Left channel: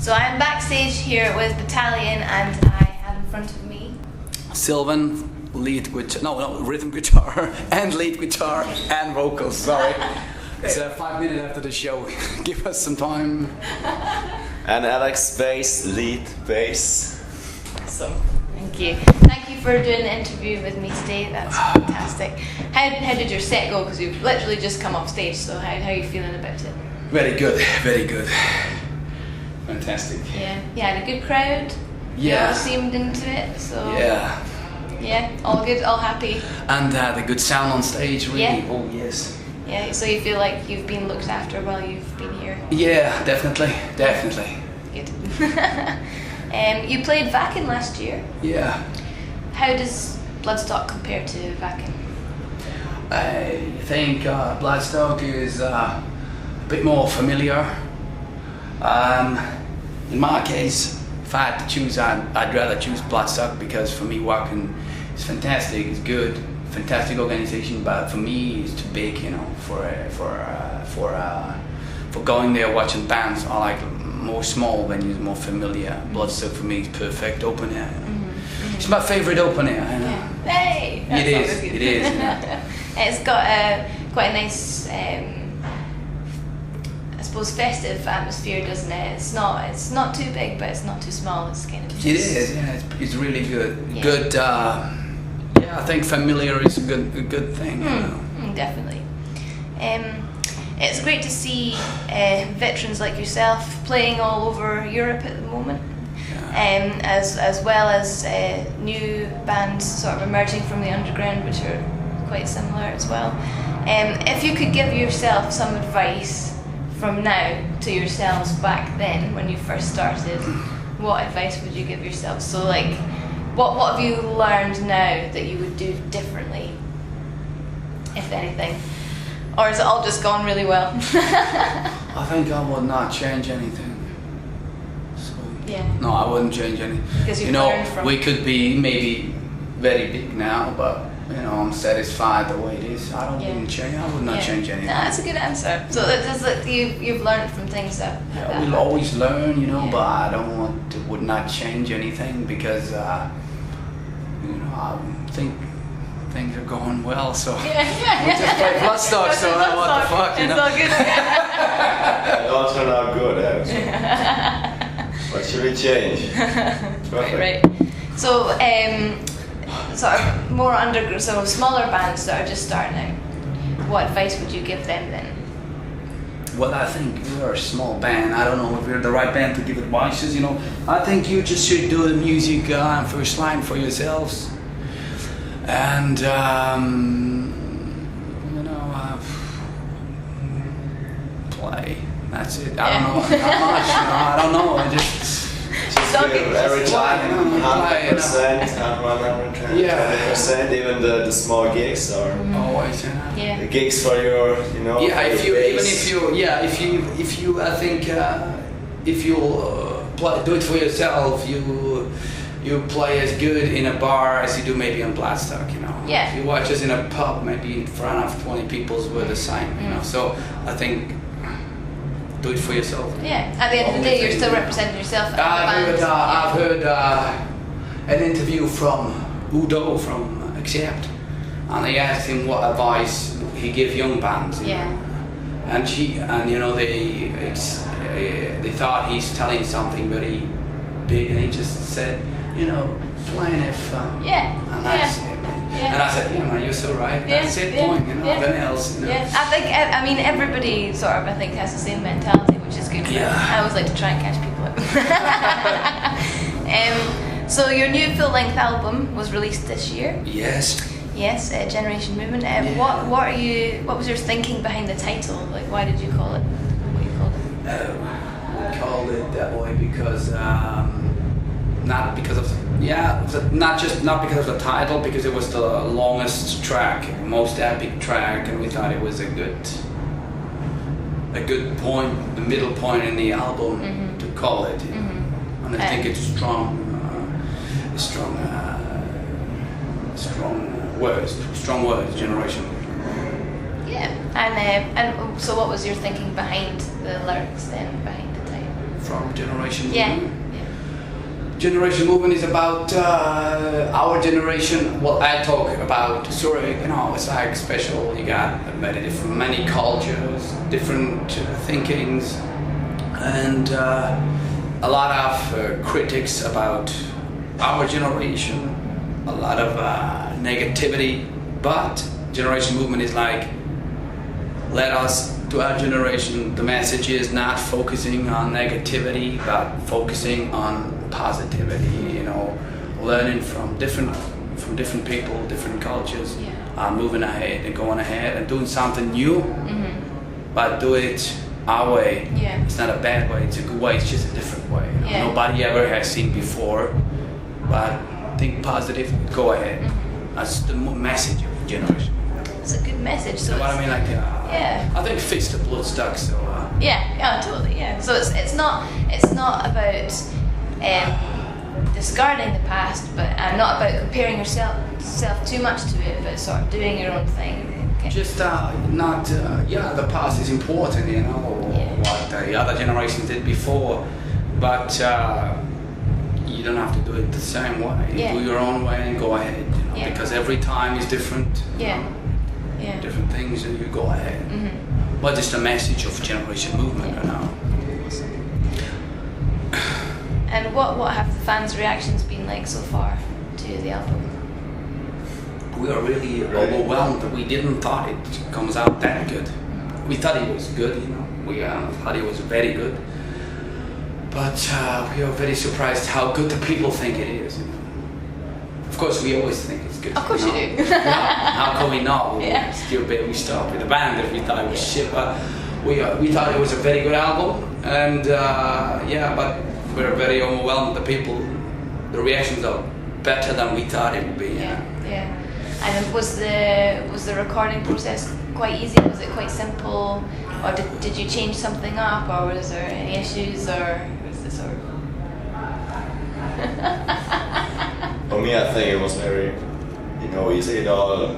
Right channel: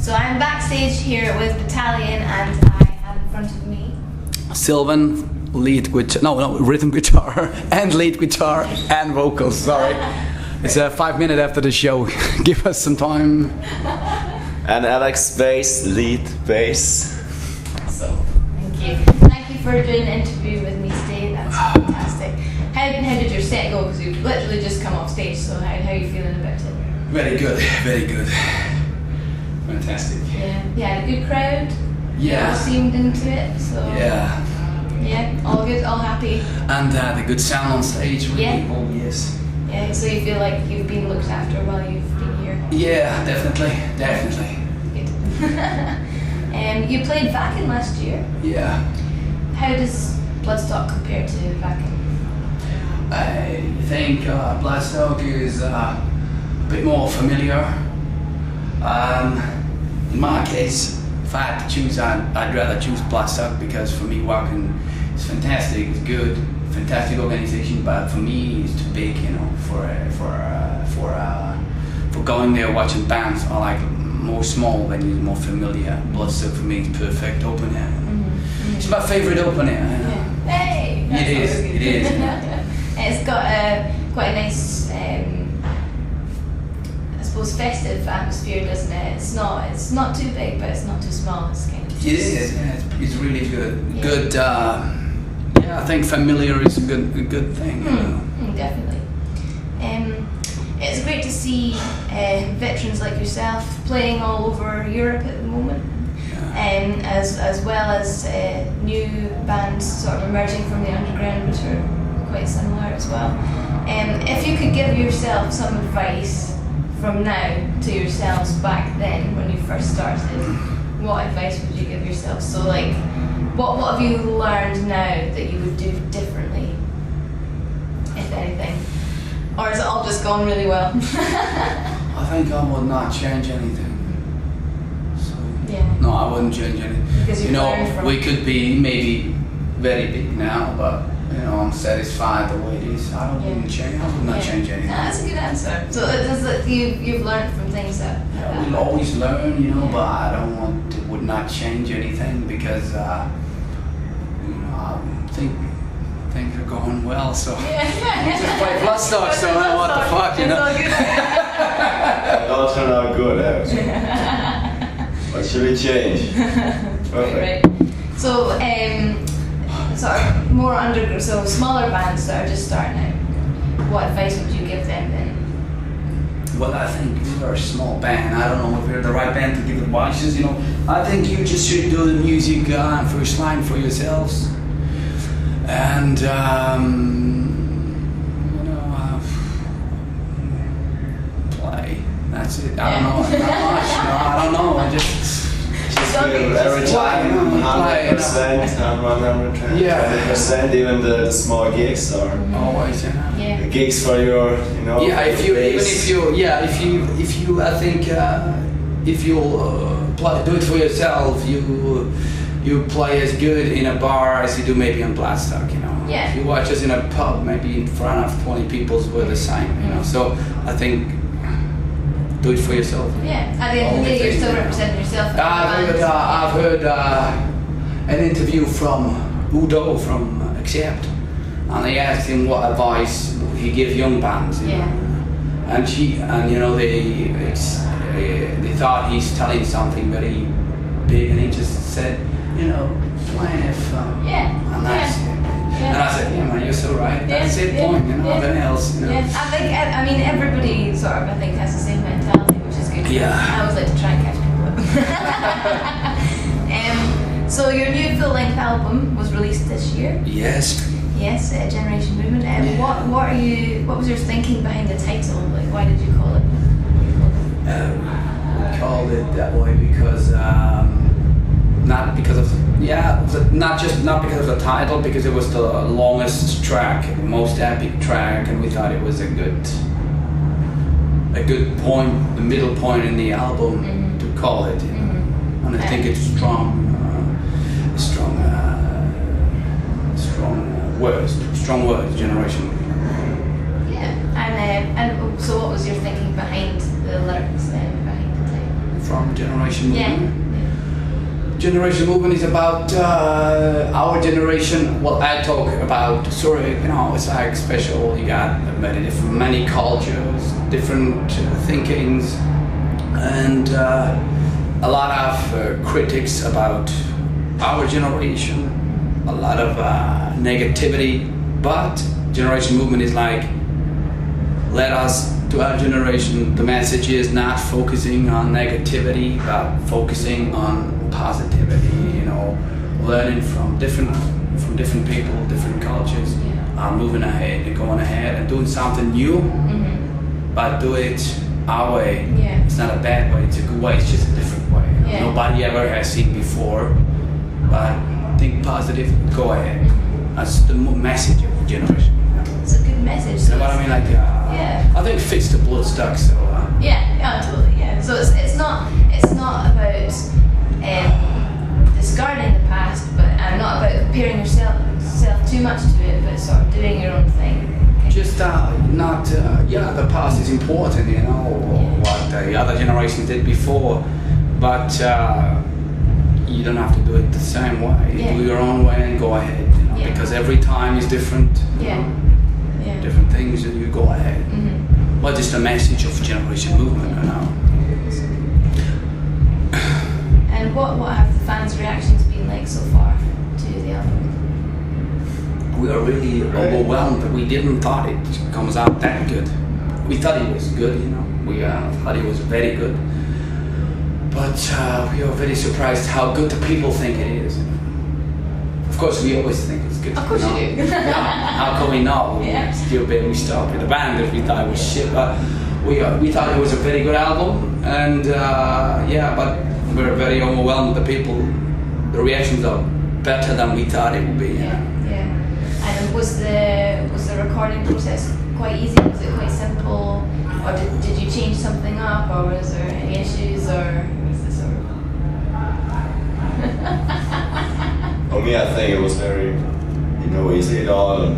So I'm backstage here with Battalion, and I have in front of me Sylvan, rhythm guitar and lead guitar and vocals. Sorry, it's 5 minutes after the show. Give us some time. And Alex, bass, lead bass. So thank you for doing an interview with me today. That's fantastic. How did your set go? Because you've literally just come off stage. So how are you feeling about it? Very good, very good. Fantastic. Yeah, you had a good crowd. Yeah. You all seemed into it. So yeah, all good, all happy. And the good sound on stage, really. Yeah. Oh yes. Yeah, so you feel like you've been looked after while you've been here. Yeah, definitely. Good. You played Vakken last year. Yeah. How does Bloodstock compare to Vakken? I think Bloodstock is a bit more familiar. In my case, if I had to choose, I'd rather choose Bloodstock because for me, Vakken is fantastic. It's good, fantastic organization. But for me, it's too big, you know, for going there watching bands. I like more small venues, more familiar. Bloodstock for me is perfect open air. It's my favorite open air. You know? Yeah. Hey! It is. Yeah. It's got quite a nice, I suppose, festive atmosphere, doesn't it? It's not too big, but it's not too small. It's kind of just... It is. Yeah, it's really good. Yeah. Good. I think familiar is a good thing. You know? Definitely. It's great to see veterans like yourself playing all over Europe at the moment. As well as new bands sort of emerging from the underground, which are quite similar as well. If you could give yourself some advice from now to yourselves back then when you first started, what advice would you give yourself? So like, what have you learned now that you would do differently, if anything? Or has it all just gone really well? I think I would not change anything. Yeah. No, I wouldn't change anything. Because you know, we could be maybe very big now, but you know, I'm satisfied the way it is. I wouldn't change. I would not change anything. No, that's a good answer. So it's like you've learned from things that. We'll always learn, you know, but I would not change anything because you know, I think things are going well. So we just play Bloodstock. So what the fuck, you know? It all turned out good, actually. What should we change? Perfect. Right. So, sort of more underground, so smaller bands that are just starting out, what advice would you give them then? Well, I think we're a small band. I don't know if we're the right band to give advices, you know. I think you just should do the music first line for yourselves. And, you know, play. That's it. I don't know. Not much. You know, I don't know. I just every time 100%, 100%, even the small gigs or always, yeah. The gigs for your, you know. Yeah, if you I think if you do it for yourself, you play as good in a bar as you do maybe on Bloodstock, you know. Yeah. If you watch us in a pub, maybe in front of 20 people, we're the same, you know. So I think do it for yourself. Yeah, at the end of the day, you're still representing yourself. I've heard an interview from Udo from Accept, and they asked him what advice he gives young bands. You know? And you know they thought he's telling something very big, and he just said, you know, playing it fun. And that's it. And I said, yeah, man, you're so right. That's it, point, you know, nothing else, you know. Yeah, I mean, everybody sort of, I think, has the same mentality, which is good. Yeah. I always like to try and catch people up. So your new full-length album was released this year. Yes. Yes, Generation Movement. What was your thinking behind the title? Like, why did you call it what you called it? We called it that way because not because of the title, because it was the longest track, most epic track, and we thought it was a good point, the middle point in the album to call it. You know? And I think it's strong words, Generation. Yeah, and so what was your thinking behind the lyrics then, behind the title? from Generation Movement. Yeah. Generation Movement is about our generation. Well, I talk about it's like special. You got many cultures, different thinkings, and a lot of critics about our generation. A lot of negativity, but Generation Movement is like, let us, to our generation, the message is not focusing on negativity, but focusing on positivity, learning from different people, different cultures, moving ahead and going ahead and doing something new, but do it our way. Yeah. It's not a bad way, it's a good way, it's just a different way. Yeah. Nobody ever has seen before, but think positive, go ahead. That's the message of the generation. It's a good message. You know what I mean? Like, I think it fits the Bloodstock. So. Yeah, totally. Yeah. So it's not about discarding the past, but not about comparing yourself too much to it, but sort of doing your own thing. Okay. Just the past is important, what the other generations did before, but you don't have to do it the same way. Yeah. Do your own way and go ahead, because every time is different. Yeah. Different things, and you go ahead. What is the message of Generation Movement? And what have the fans' reactions been like so far to the album? We are really overwhelmed. We didn't thought it comes out that good. We thought it was good, We thought it was very good. But we are very surprised how good the people think it is. Of course, we always think it's good. Of course you do. How can we not? We stopped with the band if we thought it was shit. But we thought it was a very good album, and but we're very overwhelmed. The people, the reactions are better than we thought it would be. Yeah. And was the recording process quite easy? Was it quite simple, or did you change something up, or was there any issues, or was it sort of? For me, I think it was very, easy. It all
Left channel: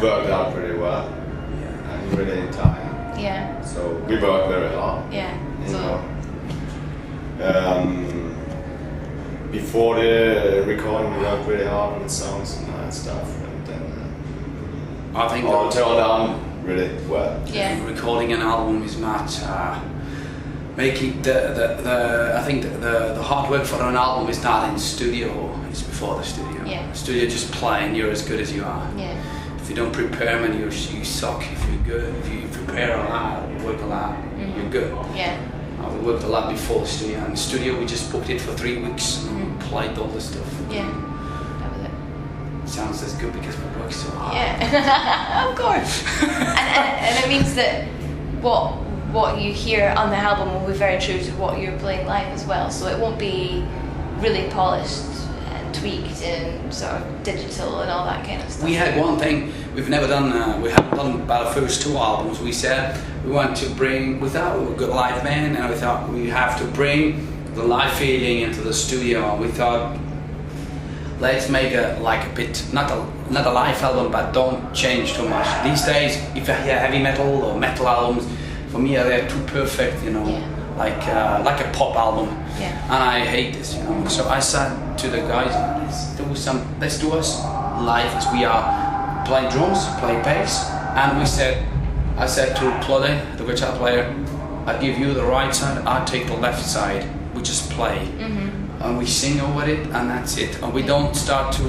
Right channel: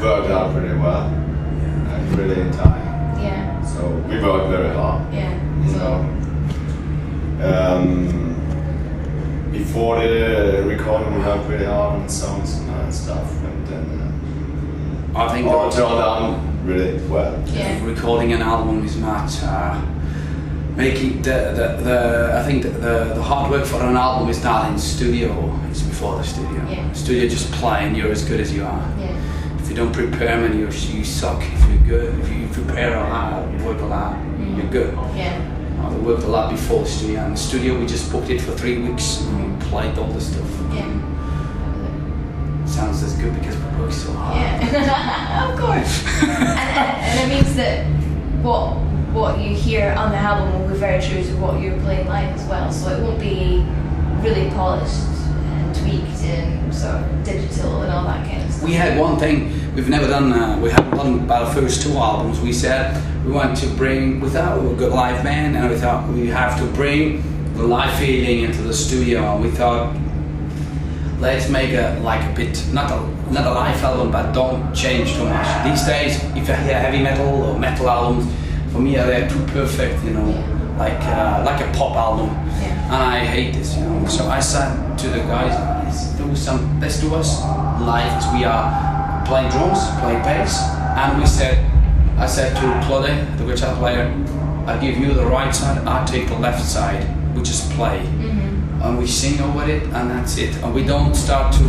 worked out pretty well, and really in time. Yeah. So we worked very hard. Yeah. Before the recording, we worked really hard on the songs and stuff, and then I think all turned out really well. Yeah. Recording an album is not making I think the hard work for an album is not in studio, it's before the studio. Yeah. Studio just playing, you're as good as you are. Yeah. If you don't prepare, man, you suck. If you're good, if you prepare a lot, you work a lot, you're good. Yeah. We worked a lot before the studio, and the studio we just booked it for 3 weeks and we played all the stuff. Yeah. Sounds as good because we work so hard. Yeah. Of course. and it means that what you hear on the album will be very true to what you're playing live as well, so it won't be really polished and tweaked and sort of digital and all that kind of stuff. We had one thing we've never done, we haven't done about the first 2 albums. We said we want to bring, without a good live band, and we thought we have to bring the live feeling into the studio, and we thought let's make not a live album, but don't change too much. These days, if I hear heavy metal or metal albums, for me they're too perfect, like a pop album. Yeah. And I hate this, So I said to the guys, let's do us live as we are, playing drums, playing bass, and I said to Claude, the guitar player, I give you the right side, I take the left side. We just play. And we sing over it, and that's it. And we don't start to,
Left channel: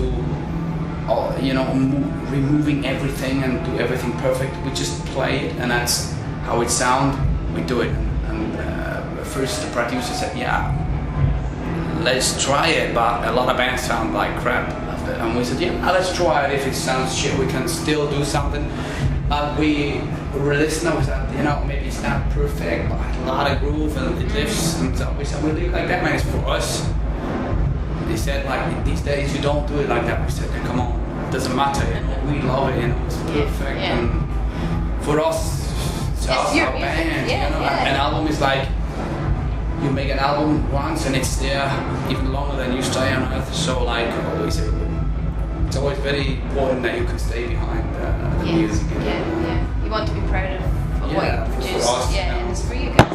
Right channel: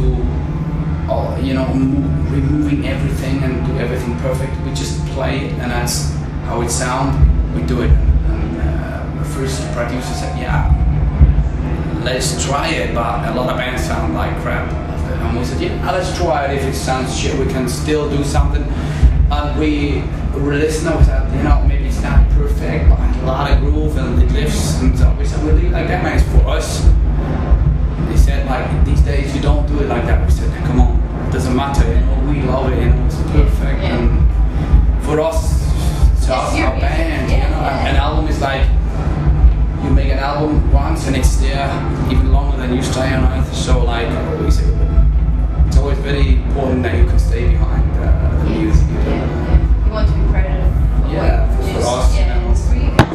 removing everything and do everything perfect. We just play it, and that's how it sounds. We do it. And first the producer said, let's try it, but a lot of bands sound like crap. And we said, let's try it. If it sounds shit, we can still do something. And we released notes that, maybe it's not perfect, but a lot of groove and it lifts. And so we said, we'll do it like that, man, it's for us. They said, these days you don't do it like that. We said, come on, it doesn't matter, we love it, it's perfect. Yeah. And for us, it's our band, An album is like, you make an album once and it's there even longer than you stay on Earth. So always, it's always very important that you can stay behind the music. You want to be proud of what you produce. For us. And it's for you guys.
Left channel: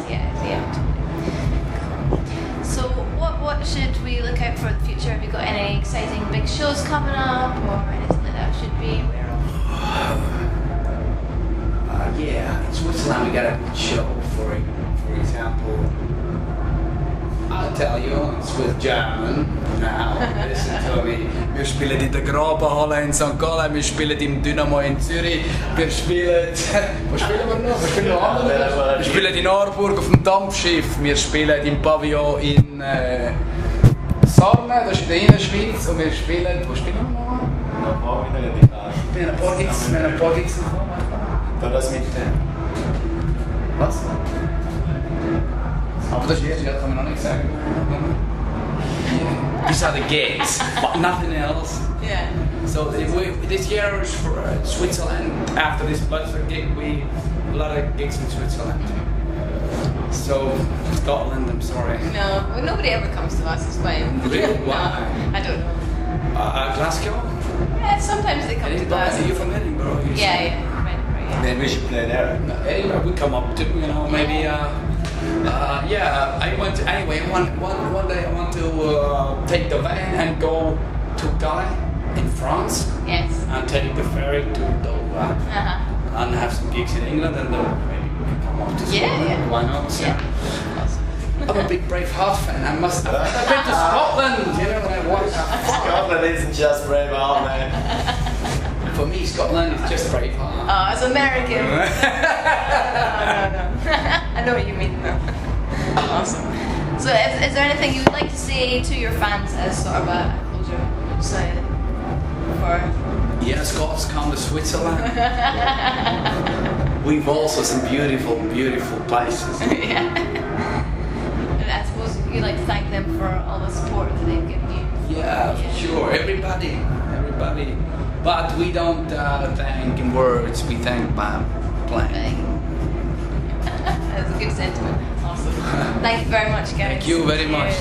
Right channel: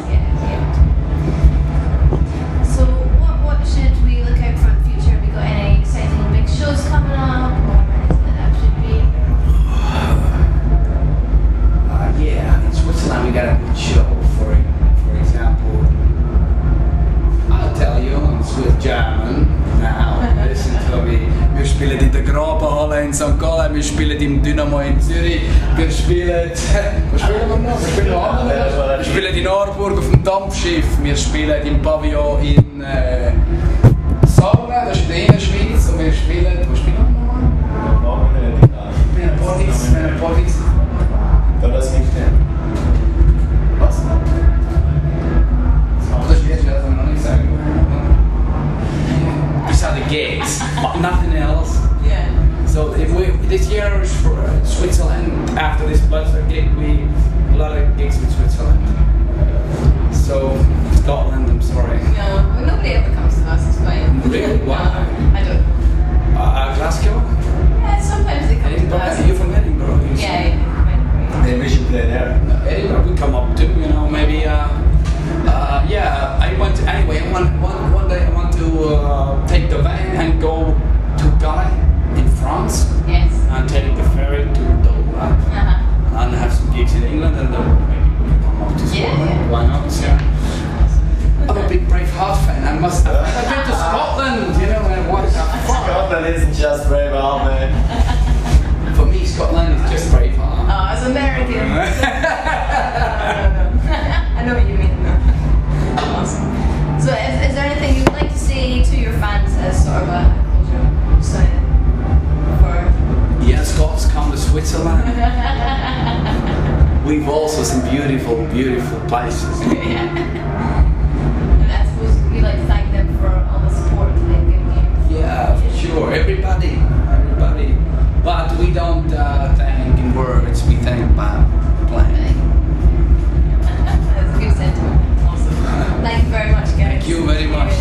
with German. Now, listen to me. Wir spielen in der Grabenhalle in St. Gallen, wir spielen im Dynamo in Zürich, wir spielen... Wo spielen wir noch? Wir spielen noch andere. Wir spielen in Aarburg auf dem Dampfschiff, wir spielen im Pavillon in Sarne, das ist in der Innerschweiz, und wir spielen... Wo spielen wir nochmal? Wir haben ein paar Gigs. War das nicht der? Was? Aber das ist jetzt, das kann man noch nicht sagen. These are the gigs, but nothing else. Yeah. So this year is for Switzerland. After this Bloodstock gig, we a lot of gigs with Switzerland. So Scotland, I'm sorry. No, well, nobody ever comes to us. It's fine. Really? Why? I don't know. Glasgow? Yeah, sometimes they come to us. You're from Edinburgh. Yeah, from Edinburgh. Maybe we should play there. Edinburgh we come up to, you know, maybe. Yeah, I want to, anyway. One day I want to take the van and go to Calais in France. Yes. And take the ferry to Dover. And have some gigs in England, and maybe we can come up to Scotland. Yeah. Why not? Yeah. I'm a big Braveheart fan. I've been to Scotland, you know, and what the fuck? Scotland isn't just Braveheart, man. For me, Scotland is just Braveheart. Oh, as American. No. I know what you mean. Awesome. So, is there anything you'd like to say to your fans as sort of a cultural side for? Yeah, Scots come to Switzerland. We've also some beautiful, beautiful places. Yeah. And I suppose you'd like to thank them for all the support that they've given you. Yeah, for sure. Everybody. But we don't thank in words. We thank by playing. That's a good sentiment. Awesome. Thank you very much, Gary. Thank you very much.